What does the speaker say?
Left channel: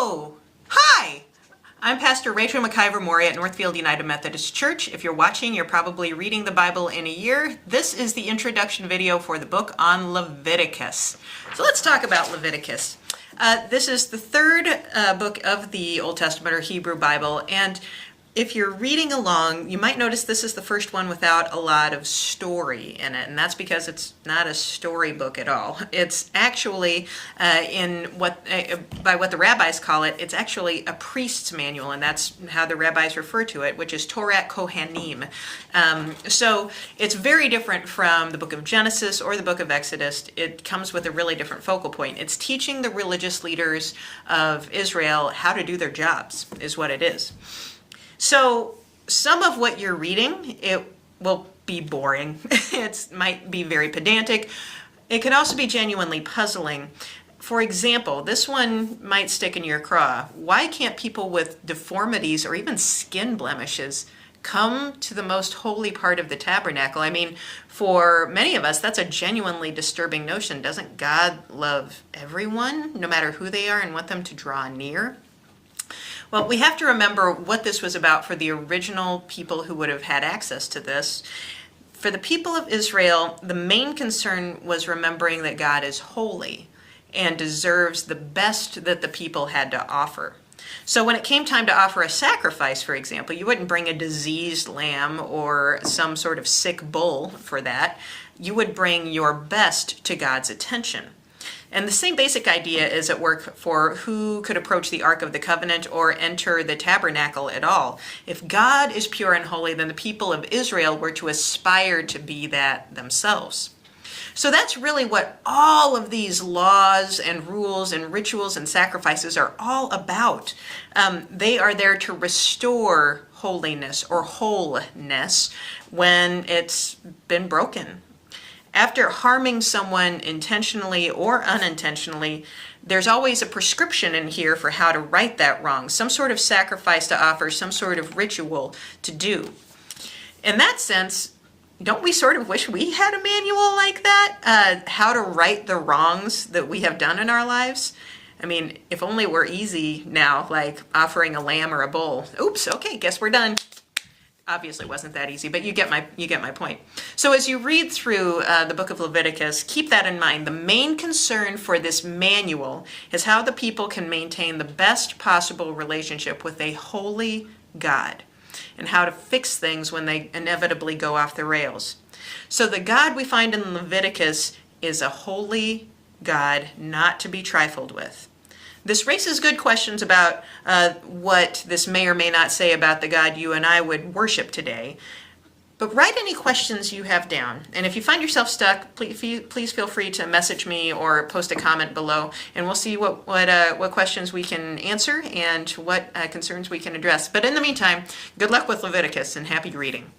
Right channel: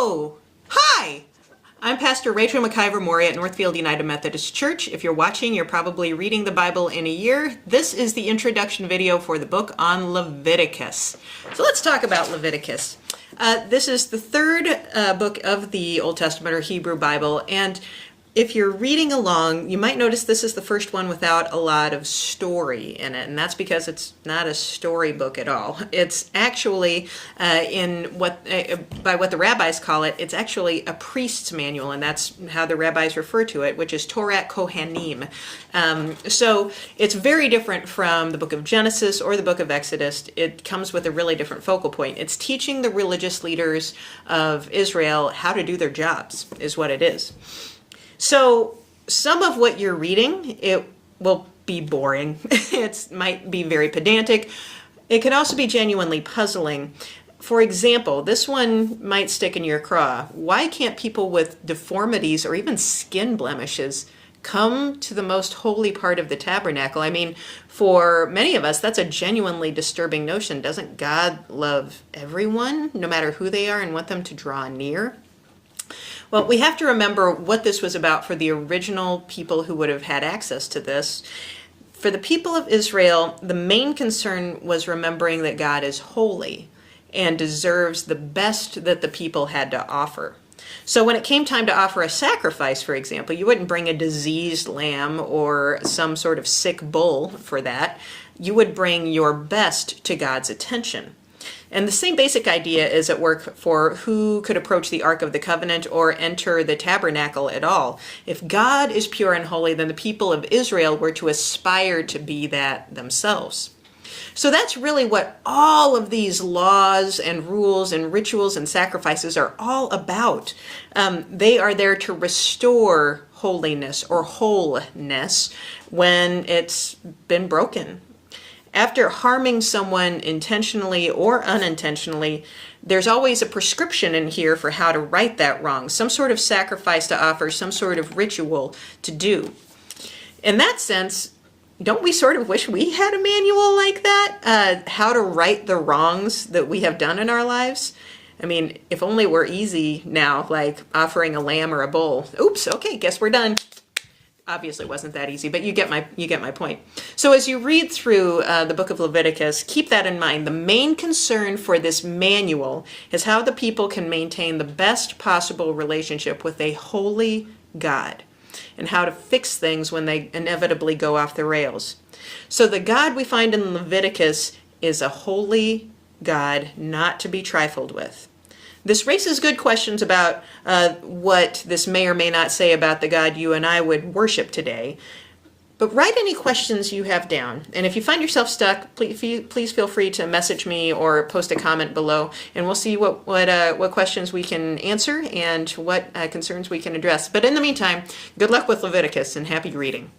Hello! Hi! I'm Pastor Rachel McIver-Maury at Northfield United Methodist Church. If you're watching, you're probably reading the Bible in a year. This is the introduction video for the book on Leviticus. So let's talk about Leviticus. This is the third book of the Old Testament or Hebrew Bible, and if you're reading along, you might notice this is the first one without a lot of story in it, and that's because it's not a storybook at all. It's actually, by what the rabbis call it, it's actually a priest's manual, and that's how the rabbis refer to it, which is Torah Kohanim. So it's very different from the book of Genesis or the book of Exodus. It comes with a really different focal point. It's teaching the religious leaders of Israel how to do their jobs, is what it is. So some of what you're reading, it will be boring. It might be very pedantic. It could also be genuinely puzzling. For example, this one might stick in your craw. Why can't people with deformities or even skin blemishes come to the most holy part of the tabernacle? I mean, for many of us, that's a genuinely disturbing notion. Doesn't God love everyone, no matter who they are, and want them to draw near? Well, we have to remember what this was about for the original people who would have had access to this. For the people of Israel, the main concern was remembering that God is holy and deserves the best that the people had to offer. So when it came time to offer a sacrifice, for example, you wouldn't bring a diseased lamb or some sort of sick bull for that. You would bring your best to God's attention. And the same basic idea is at work for who could approach the Ark of the Covenant or enter the tabernacle at all. If God is pure and holy, then the people of Israel were to aspire to be that themselves. So that's really what all of these laws and rules and rituals and sacrifices are all about. They are there to restore holiness or wholeness when it's been broken. After harming someone intentionally or unintentionally, there's always a prescription in here for how to right that wrong, some sort of sacrifice to offer, some sort of ritual to do. In that sense, don't we sort of wish we had a manual like that? How to right the wrongs that we have done in our lives? I mean, if only we're easy now, like offering a lamb or a bull. Oops, okay, guess we're done. Obviously it wasn't that easy, but you get my point. So as you read through the book of Leviticus, keep that in mind. The main concern for this manual is how the people can maintain the best possible relationship with a holy God and how to fix things when they inevitably go off the rails. So the God we find in Leviticus is a holy God not to be trifled with. This raises good questions about what this may or may not say about the God you and I would worship today. But write any questions you have down. And if you find yourself stuck, please feel free to message me or post a comment below, and we'll see what questions we can answer and what concerns we can address. But in the meantime, good luck with Leviticus and happy reading.